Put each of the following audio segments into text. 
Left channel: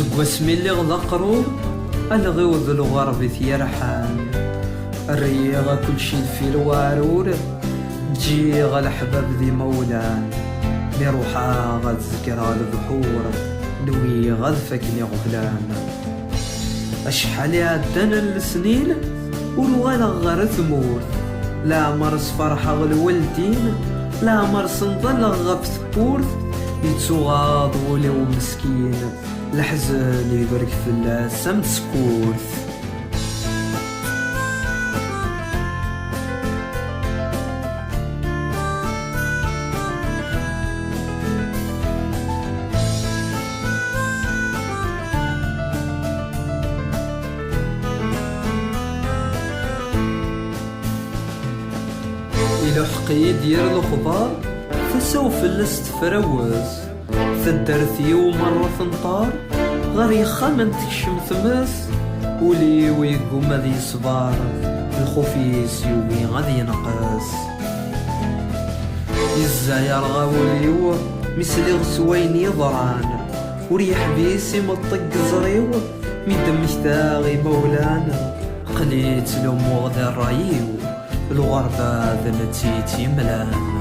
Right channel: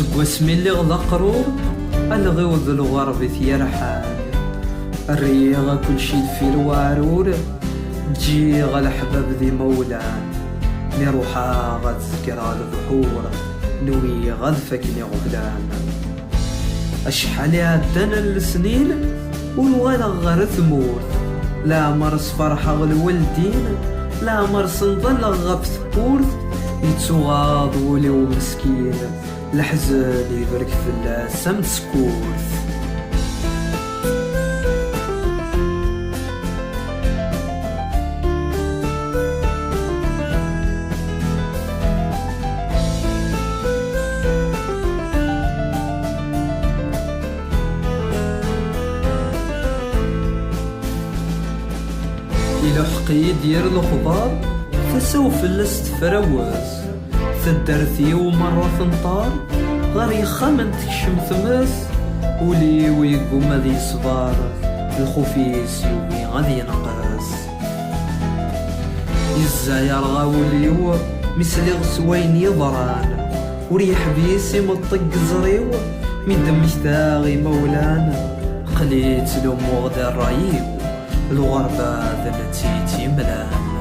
سقواسمي اللي غدا قرور الغيوض الغرب ثيرحان الريغ كل شي في الوارور تجي الحباب ذي مولان لي روحا غاد ذكرى البحور نوي غاد فاكني غفلان اشحال عدنا السنين والغلا غير ثمور لا مرس فرحة الوالدين لا مرس نضل غف ثبور يتسوغاض وليو مسكين الحزن يبرك في اللاسم سكورث إلى حقي دير الخضار فسوف الاستفروز ثدرثي ومرة ثنطار غير يخمن تكشم ثمس ولي ويقوم ذي صبار الخوفيس يومي غادي ينقص الزاير غاوليو مثلي غسوين يضران وريح بيسي مطق زريو ميدم مشتاغي مولانا قليت لأمو غدا الرايو الغربة ذنتيتي ملان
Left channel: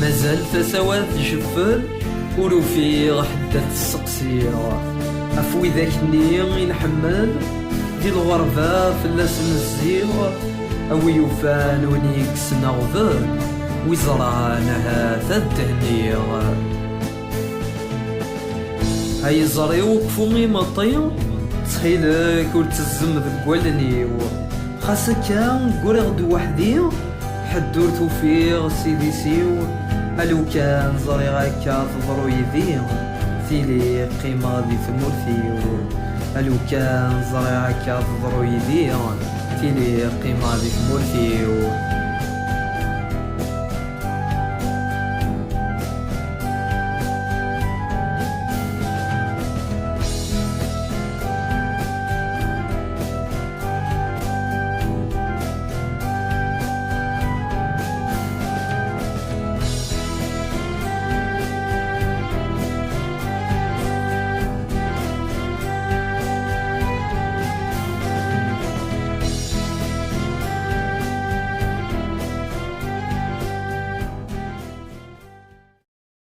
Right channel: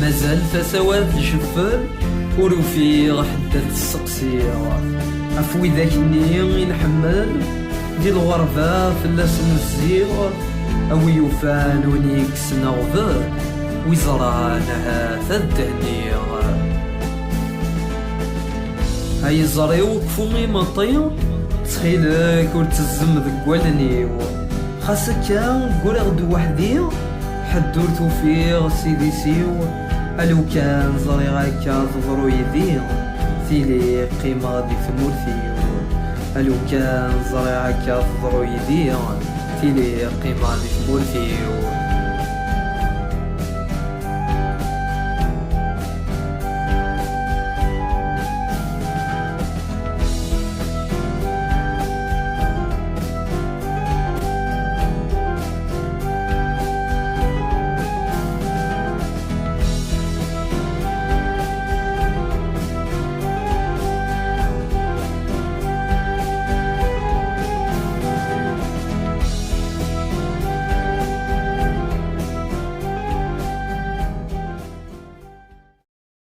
مازال فسواد جفل ورفيق حدة السقسية أفوي ذاك النية نحمل دي الغربة فلاس نزيغ أوي يوفان ونيكس نغفل ويزرانها ثدهنيغ هاي زريو كفومي مطيو تخيلك ورتزم ذقوالنيو خاصك قرغ دو وحدي حدور توفيغ سيدي سيو ألو كان زري غاكا تضرو يدي تيلي قيمة دي ثمورثيو ألو كان زري غاكا تضرو يدي تيلي قيمة دي ثمورثيو